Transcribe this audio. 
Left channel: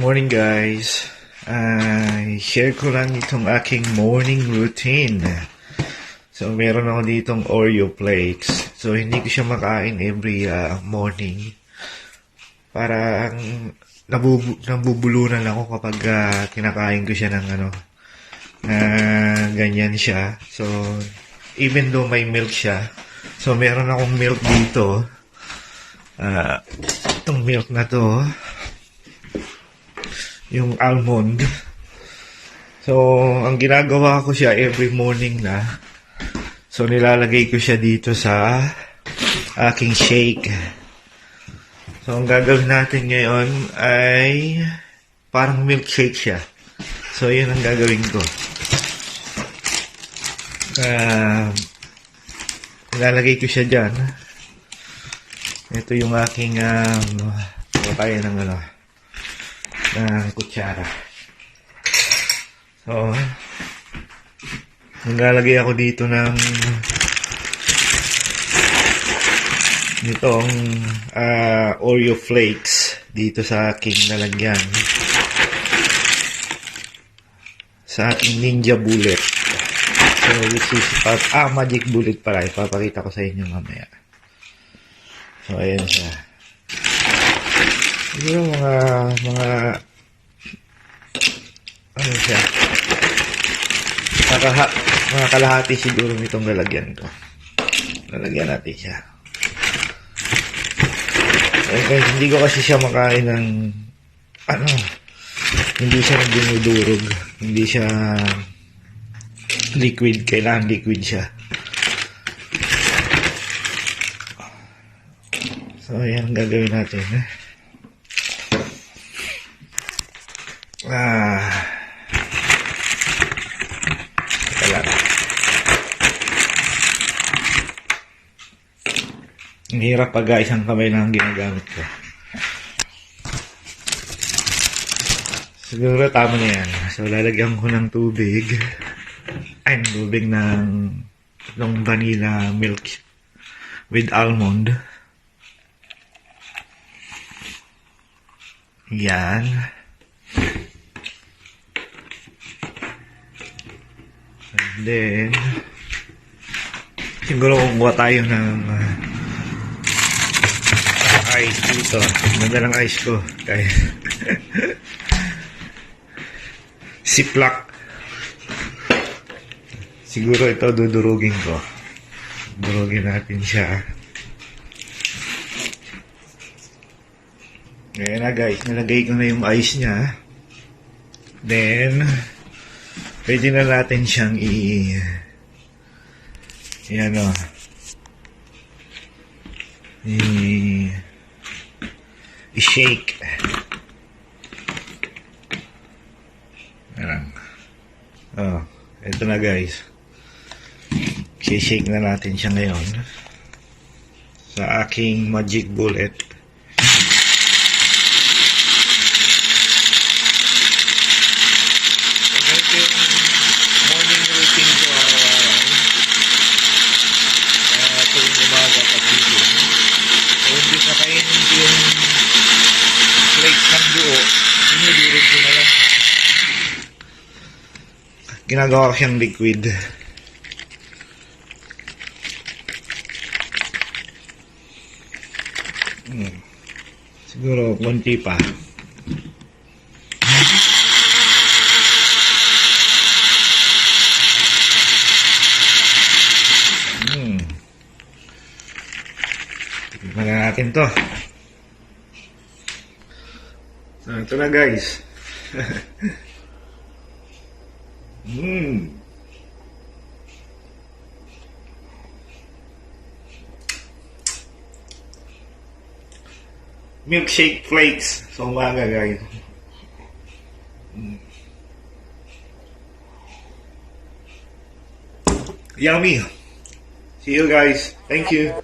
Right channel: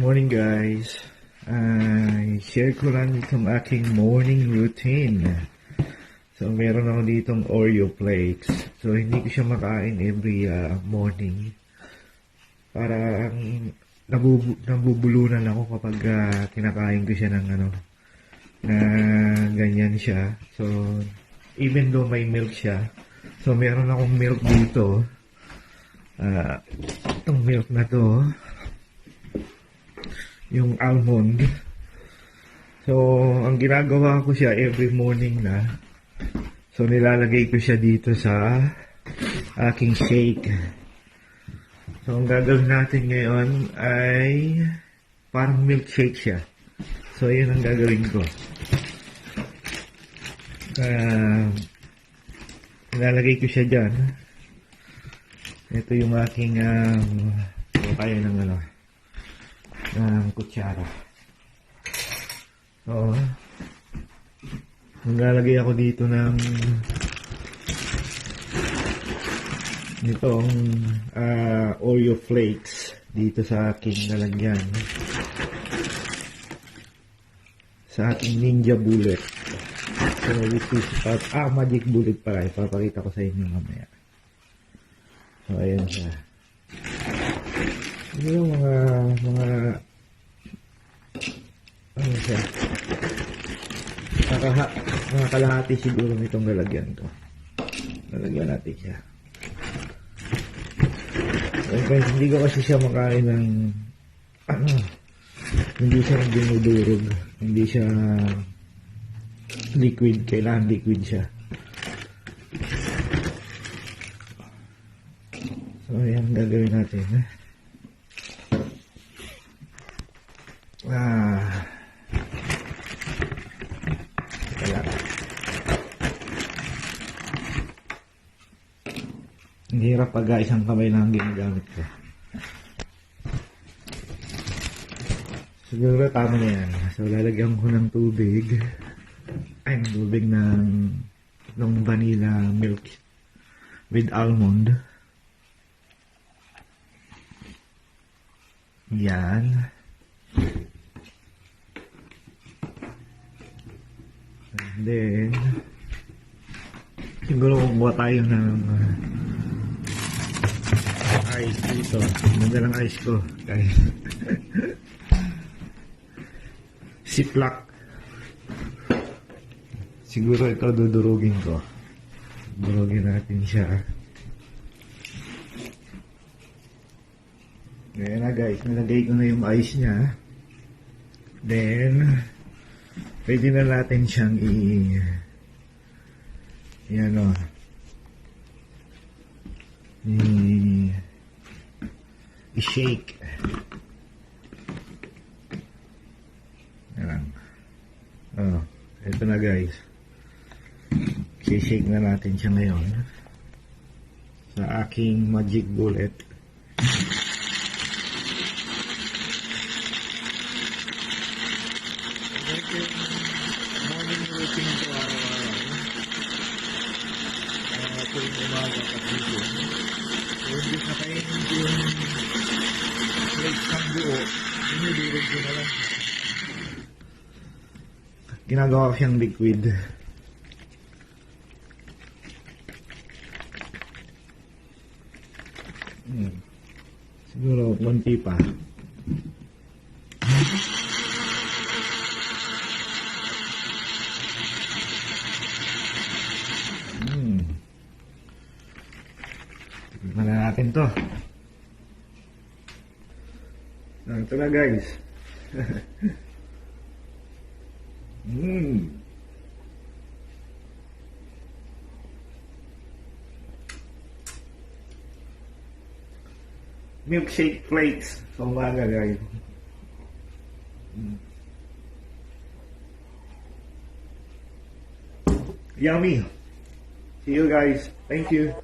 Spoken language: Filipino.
Morning guys. Share ko lang itong aking morning routine. So meron ako ditong Oreo flakes. So hindi ko siya makain every morning. Parang nabubulunan ako kapag kinakain ko siya ng ganyan siya. So even though may milk siya, so meron akong milk dito. Itong milk na to, yung almond. So, ang ginagawa ko siya every morning na. So, nilalagay ko siya dito sa aking shake. So, ang gagawin natin ngayon ay parang milkshake siya. So, yun ang gagawin ko. Nilalagay ko siya dyan. Ito yung aking tayo ng kutsara. So, maglalagay ako dito ng itong Oreo flakes dito sa aking lalagyan, sa aking Ninja Bullet. So, which is Magic Bullet pala. Ipapakita ko sa inyo mamaya. So, ayan siya. Siguro mga ano siya, mga kalahati siguro nitong lalagyan ko. Lalagyan natin siya. Okay, hindi ko kasi siya makain ng hindi siya nagdudurog, hindi siya liquid. Kailangan liquid siya. So, ayan ang gagawin natin. Ang hirap pag isang kamay lang ang ginagamit ko. Siguro tama na yan. So, lalagyan ko ng tubig. Tubig ng vanilla milk with almond. Yan. And then, siguro kukuha tayo ng ice dito. Ganda ng ice ko. Kaya Ziploc. Siguro ito dudurugin ko. Durugin natin siya. Ayan na guys, nilagay ko na yung ice niya. Then, pwede na natin siyang i-shake. Ayan. Ito na guys. I-shake na natin siya ngayon sa aking Magic Bullet. Ginagawa ko siyang liquid. Siguro konti pa. Tignan natin to. Ito na guys. Milkshake flakes sa umaga guys. Yummy. See you guys. Thank you.